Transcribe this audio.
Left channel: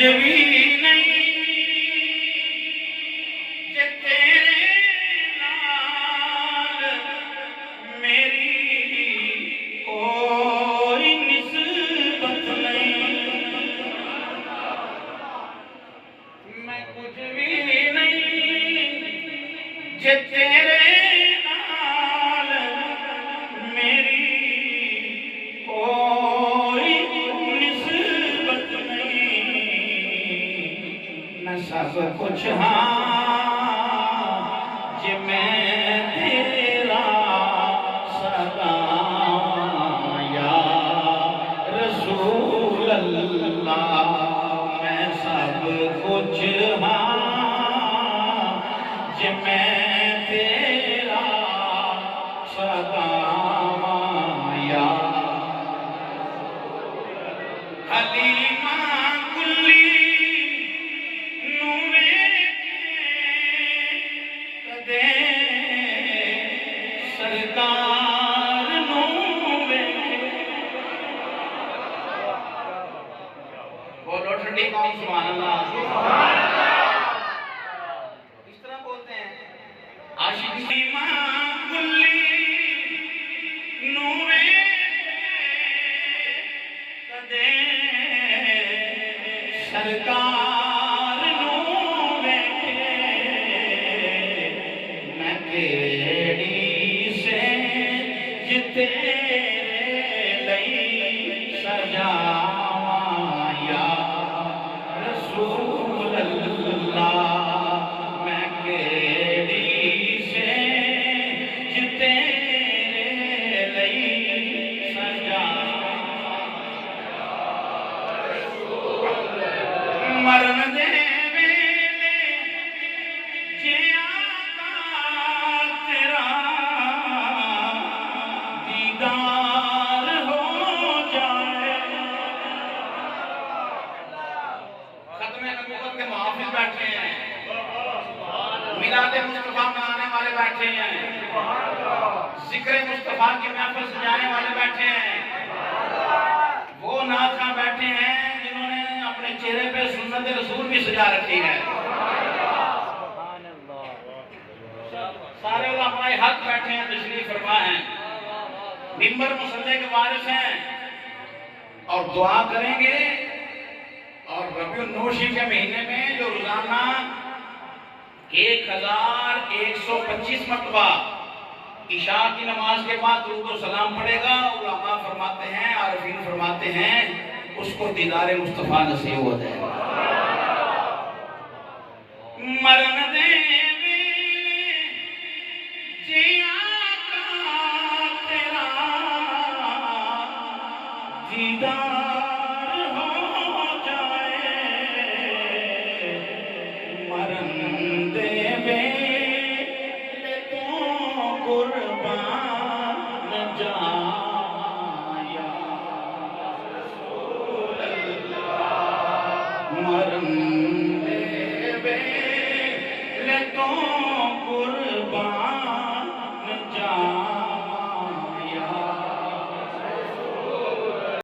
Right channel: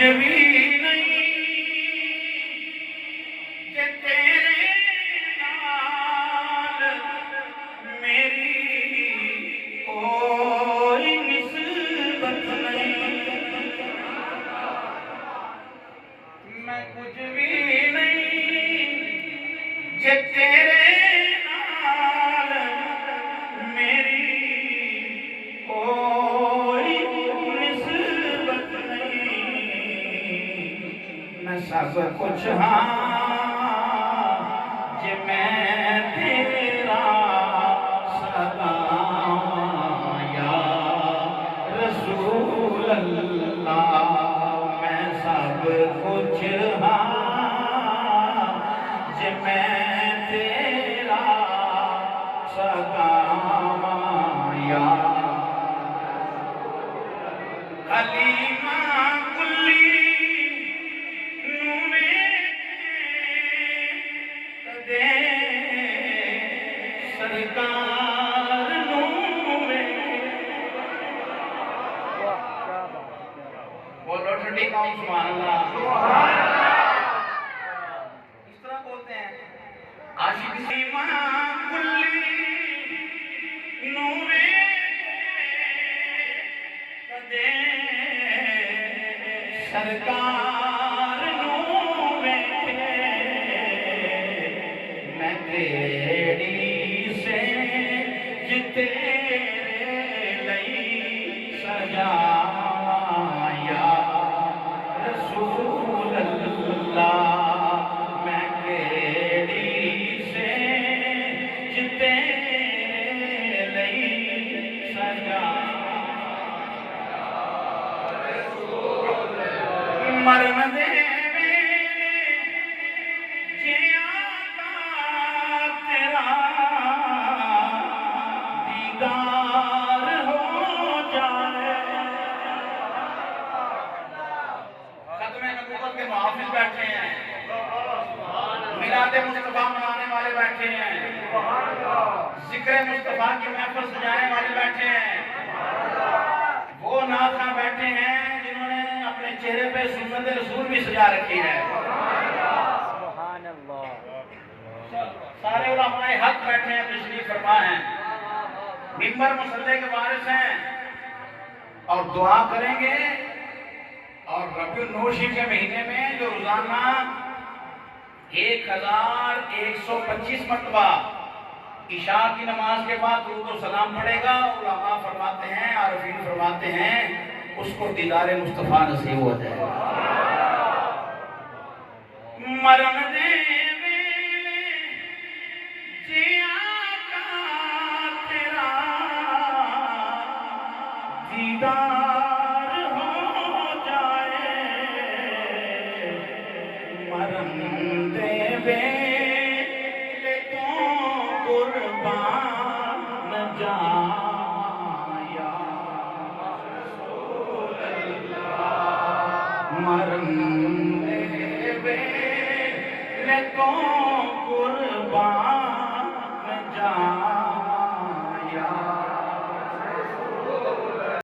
भी नहीं जे तेरे नाल मेरी कोई निस्बत नहीं। मैं कुछ भी नहीं जे तेरे नाल मेरी कोई निस्बत नहीं। मैं सब कुछ हाँ जे मैं तेरा सदा या रसूल अल्लाह। मैं सब कुछ हाँ जे मैं तेरा सदा या हलीमा कुल्ली नूरे कदे सरकार नूरे। बोलो ठंडी कौन सुभान अल्लाह। इस तरह बोलते हैं आशिक हलीमा कुल्ली नूरे कदे सरकार नूरे। मैं केड़ी से तेरे लई सजावां या रसूल अल्लाह। मैं केड़ी से तेरे लई सजावां। मरन दे वेले जे आका तेरा दीदार हो जाए। खत्मे नबूवत के मुहाफिज बैठे हैं, मिलादे मुस्तफा मनाने वाले बैठे हैं, जिक्र मुस्तफा की महफिल सजाने वाले बैठे हैं, वो नाज़ बैठे हैं जिन्होंने अपने चेहरे पे सुन्नत रसूल भी सजा रखी है। सारे उलमाए हक बैठे हैं, तशरीफ फरमा हैं, मिंबर मुसल्ले के वारिस हैं और दुआ करेंगे। और रबीउल नूर शरीफ के महीने में जो रोजाना 1125 मरतबा इशा की नमाज के बाद दुरूद और सलाम पढ़ेगा, उलमा फरमाते हैं, आरिफीन फरमाते हैं, उसको दीदारे मुस्तफा नसीब हो जाएगा। मरन दे वेले जे आका तेरा दीदार हो जाए। मरन दे वेले तो कुर्बान जावां या रसूल अल्लाह। मरन दे वेले तो कुर्बान जावां